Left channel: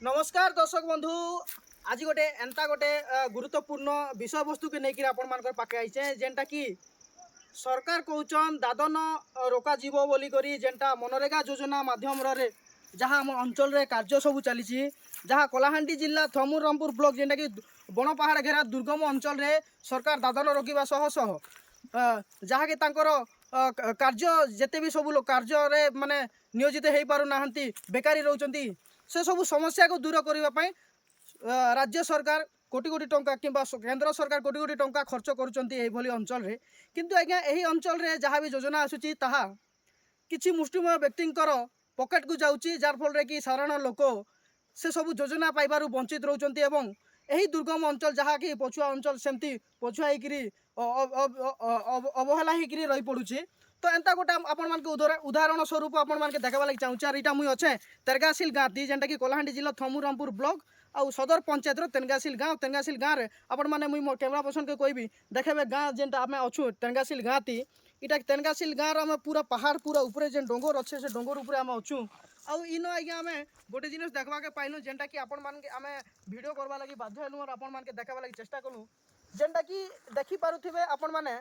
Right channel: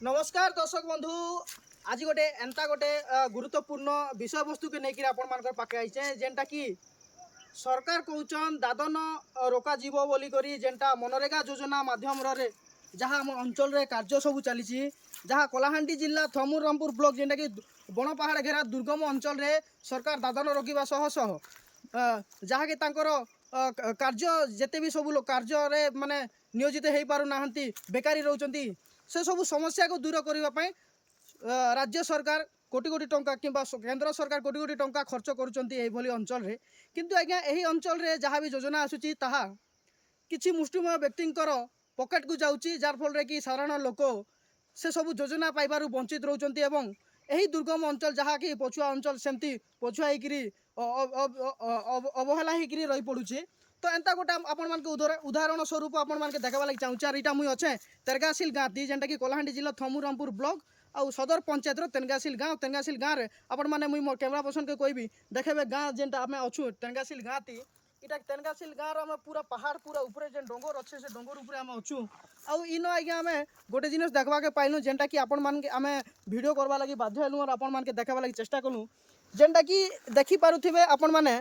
नमस्कार दर्शक बंधु। आज गोटे एंता गोटे गुरुत्वपूर्ण विषय वस्तु के लेकर आपण मान पाखे आईचे जेनटा कि सरकार कहउछन दादन रोका जीव बोली करी जेनटा मनरेगा योजना माध्यम रे जहाँ आम अंचल रे कार्य सब चली जहाँ कलाहांडी जिला थमुर रामपुर ब्लॉक जेनटा कि बण पहाड़ घेरा दुर्गम अंचल रे सरकार दादन रोकवा सह सह जहाँकि तांकर कार्य जेते भी सब कार्य रे माने नियोजित हो पारु नाहंती बेकारी रहउचंती से सब समस्या को दूर करने राज्य सरकार कोटी कोटी टंका किंबा केंद्र सरकार कोटी कोटी टंका खर्च करुँच अंचल रे किंतु आज्ञा यही अंचल रे जहाँ भी योजना आसूची ताहा किछि मुष्टिमय व्यक्तिंकर पॉकेट को जाउची जार फल कि साधारण लोक से सब योजना पाइबारु वंचित रहउचंती एवं यही दुर्गम अंचल जहाँ कि पछुआ अंचल सेमती पछुआ होकरी अवहेला होकरी रही पड़ुछे। तो एंता गोटे आपण मान उदाहरण स्वरूप आपण मान देखा लगे चाहूँ इटा मुई अच्छे तेरगासिल गाँ दी जेनटा कि कलाहांडी जिला थमुर रामपुर ब्लॉक आउ सदर पंचायत तेनगासिल गाँव रे आपण माने मुई मोर कैमरा पर्सन के कहबी देखेबे गाँ जेनटा आमे अच्छु तेनगासिल गाँ ती इटा तेनगासिल गाँव आम पूरा पहाड़ पूरा ऊपर जेन डोंगर अच्छे से डोंगर ऊपर आम अच्छु आउ इन आज्ञा आम गोटे जिनिस देखा के पाइलु जेनटा कि आपण मान के आमे वीडियो करवा लगी बाध्य हेलु और आपण मान के देखा लगी चेष्टा कलु जेनटा कि देखि पारुथिबे आपण माने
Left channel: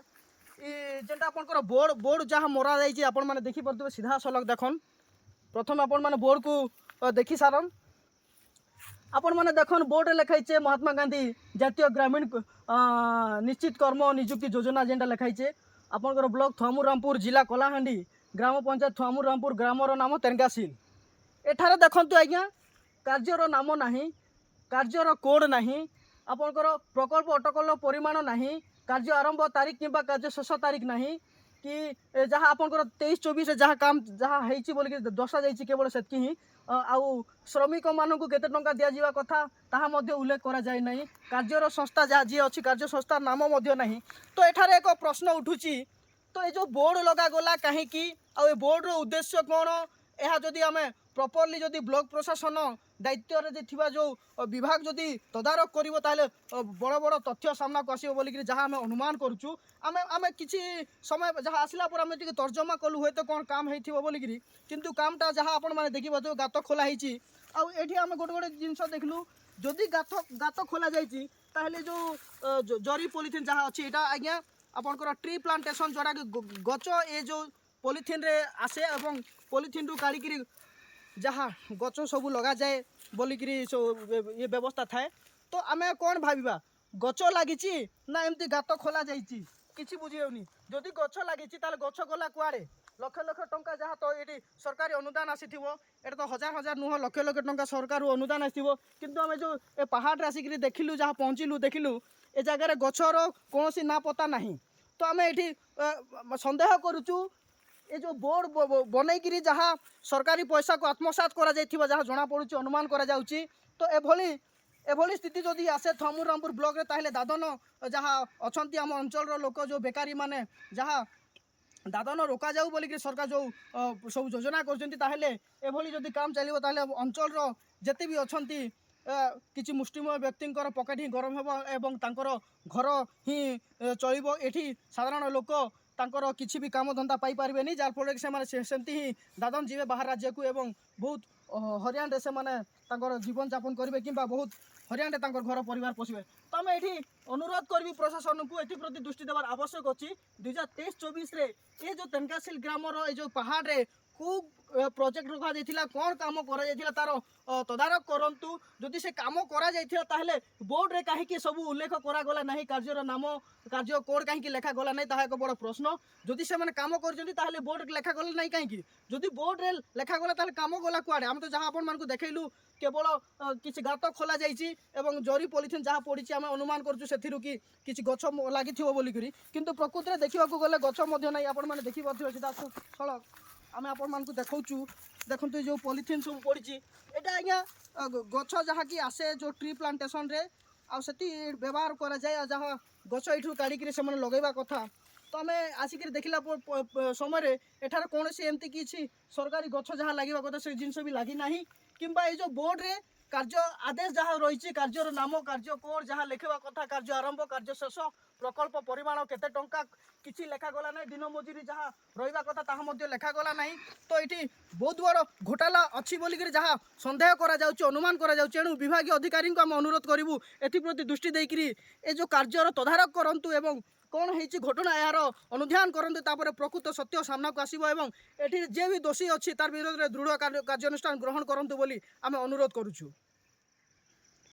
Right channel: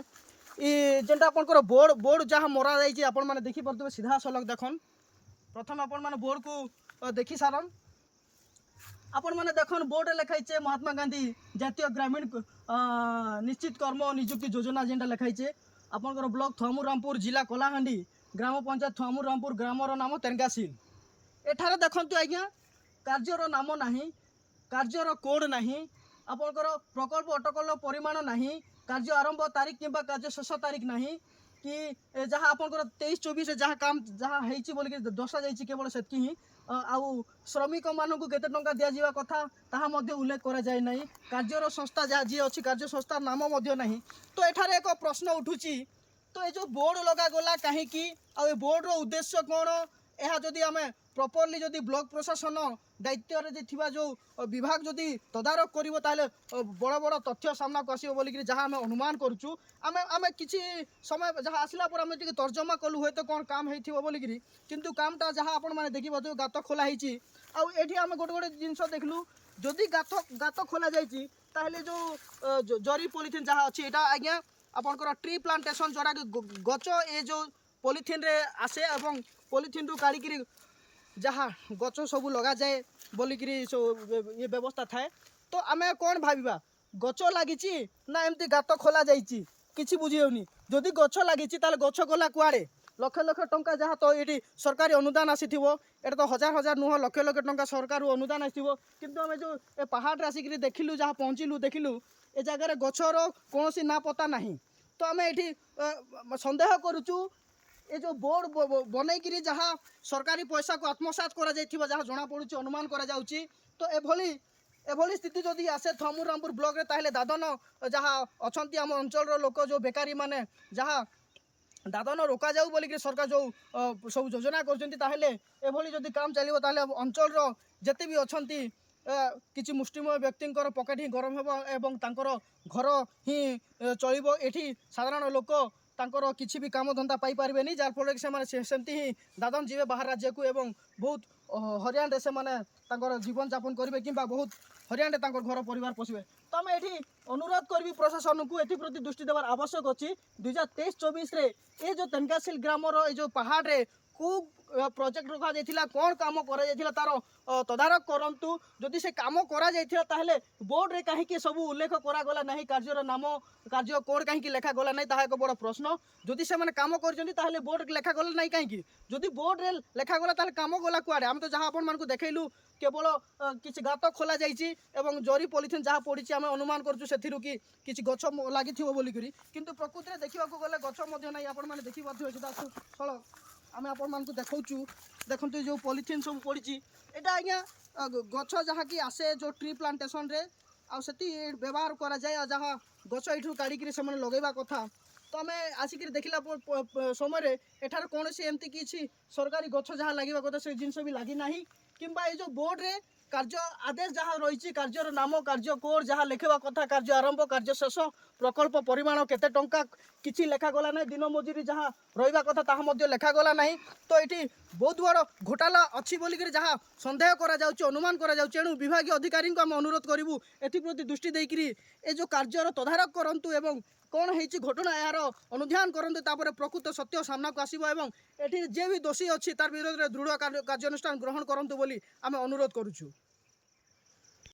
जेनटा आपनकर बोर्ड बोर्ड जहाँ मरा जाइए आपण माने देखि पारुथिबे सीधा सलग देखन प्रथम आपण माने बोर्ड को देखि सारन आपण माने देखन बोर्ड लिखाइछे महात्मा गांधी जातीय ग्रामीण निश्चित कर्म नियुक्ति योजना जेनटा लिखाइछे आपनकर ब्लॉक थमुर रामपुर जिला कलाहांडी ग्राम पंचायत थमुर रामपुर ग्रामर नाम तेनगासिल एठारे देखंतु आज्ञा कार्यर नाम नाही कार्यर कोड नाही आपनकर प्रकल्प अटकल परिमाण नाही कार्य आरंभ तारीख किंबा कार्य शेष तारीख नाही कि जहाँ आपनकर 23-24 जहाँ काम जहाँ होइछि बोल के दर्शा जाइछि केवल सेतकी ही आउ श्रमिक मानक केते टंका दिया जीवा कथा ताहा मध्ये उल्लेख करा जाय नाही कार्यर संस्था जहाँ जी अछि कार्य संस्था नाम मध्ये नाही। तो एठारे एक प्रश्न उठुछि तो ये जो बोर्ड लगा गला कहीं आ बोर्ड रो उद्देश्य कौन यह जदि आम प्रॉपर्ली जदि ब्लॉक प्रशासन दायित्व जो विभाग जदि तदारख करिवो ताले बड़ बड़ तथ्य सामना को आसीबो बोली जहाँ आम अनुमान करूँ आम किसी समय जहाँ आसला पर आम टी तर्जमा कलु हुए तो कौन काम होइथिबो बोली किंतु कामटा जहाँ आपण माने देखि पाथो गात खोला होइछि आउ एठी आम गोटे गोटे जिनस देखलु जदि गात खोला जाइछि ताहले जो जरी पॉलिथिन जहाँ अछि एटा आज्ञा आपनकर ट्री प्लांटेशन जोड़ा कि गच ए जो पॉलिथिन रे आसे एवं पॉलिथिन रु काढ़ी जहाँ गच सब लगा जाए बोलिक ये व्यवस्था थाए तो आम कौन भाविबा गच लगी ना एमती गात खोला जाइए किसी बुझीनी जदि गच लगी गच गला कुआड़े लक्ष लक्ष टंका जहाँ तो ये सरकारी अनुदान आसीथिबो एटा तो हजार हजार नुह लक्ष लक्ष टंका सरकार अनुदान आसीथिबो किंतु आम जो ए पहाड़ आसिक देखिलु जहाँ पहुँचलु देखिलु ए जगार गचर कौन ना पता नहीं। तो आम ये सन्देह करुचु ये जो बोर्ड बनईकरी जहाँ सरकारी पैसा को आत्मसात करा जाइथिबा जहाँ जना पड़ुछि अनुमान करा जाउछि तो एभली स्थिति जदि आसे थमुर रामपुर ब्लॉक रे ताहले दादन जहाँ अछंती आम अंचल लोक जो बेकारी माने जहाँ दादन रोका जाऊ बोलिक सरकार जो सब योजना करछंती ताहले एभली जदि काम चलिबो ताहले अंचल रो जेते भी अछंती किछि मुष्टिमय व्यक्तिंकर पकेट ही गरम हेबो एवं तांकर घर ही चलिबो एठी साधारण लोक तांकर किछि भी काम धंदा पाई पारबेनी जार फल कि से सेमती ही दादन जीवे बाहर राज्य को एवं बहुत हरियाण रे से माने तांकर जीवन यापन करेंगे कि बहुत हरियाण रे तांकर घर परिवार पोषिबे। तो आम ये अनुरोध करी प्रशासन को एथि प्रति दृष्टि देवार आवश्यक अच्छी 2023-24 रे ये जो तेनगासिल ग्रामर ये जो पहाड़ रे को प्रोजेक्ट रखा जाइथिला कौन काम करा जाइथिला तार तदारख करंतु जदि से काम करा जाइथिला ताहले बोर्ड रे काहे सब उल्लेख करा गला नहीं कार्यर नाम कार्य कोड काहे लेखा गला नहीं ताहा एक बड़ प्रश्न जदि से माने काम करजंती ताहले बोर्ड रे लेखा गला नहीं काहे जदि बोर्ड रे लेखा गला ताहले काम गला कुआडे हम तो जहाँ आपण मानकु देखैलु केवल किसी गात खोला जाइछि एवं जरी पॉलिथिन जहाँ पड़ी आम अनुमान करछु सेथिरु कि किछि गछ लागिथिबो बोली करी किंतु प्रकृति रे देखिबाकू गले गछ मध्ये नहीं आपण माने देखि पाथि सीधा सड़क आम आपण मानकु देखौछु देखंतु जो पॉलिथिन सब पड़ी एटा आज्ञा गछ जहाँ कि आसे जो ट्री प्लांटेशन रे आ सेति व्यवहार करा जाए जहाँ गछ एठू काढ़ी से माने लगेबा कथा तो आम आसिक देखला समय एठार कौन एमती किसी सरकारी गछ जहाँ लगे कथा से जिनस भी लगी ना किंबा ये जो बोर्ड रे कार्य आदेश जहाँ रही कार्यर नाम कार्य कोड जहाँ लिखा कथा कार्य आरंभ कार्य शेष প্রকল্প পরিমাণ কেতে টঙ্কা কিছু লেখাগলা নাই, দিন মজুরি যা রহবা কথা তাহা মধ্যে লেখাগলা নাই। তো এটি বহুত বড় ঘোটালা অছি বলিকি যা সন্দেহ করা যাচ্ছে, অনুমান করা যাচ্ছে। এণু বিভাগীয় অধিকারী আমি অনুরোধ করবু এথিপ্রতি দৃষ্টি দেইকি এ যে কার্যর তদারক করন্তু এবং କ'ଣ ହେଇଛି ଘଟଣା ଏହାର ଅନୁଧ୍ୟାନ କରନ୍ତୁ, ତାପରେ ପ୍ରକୃତ ସତ୍ୟ ସାମ୍ନାକୁ ଆସିବ ଏବଂ ଏଠି ଯିଏ ବି ଦୋଷୀ ଅଛି ତାର ବିରୋଧରେ ଦୃଢ଼ କାର୍ଯ୍ୟାନୁଷ୍ଠାନ ଗ୍ରହଣ କରନ୍ତୁ ବୋଲି ଆମେ ଅନୁରୋଧ କରୁଛୁ।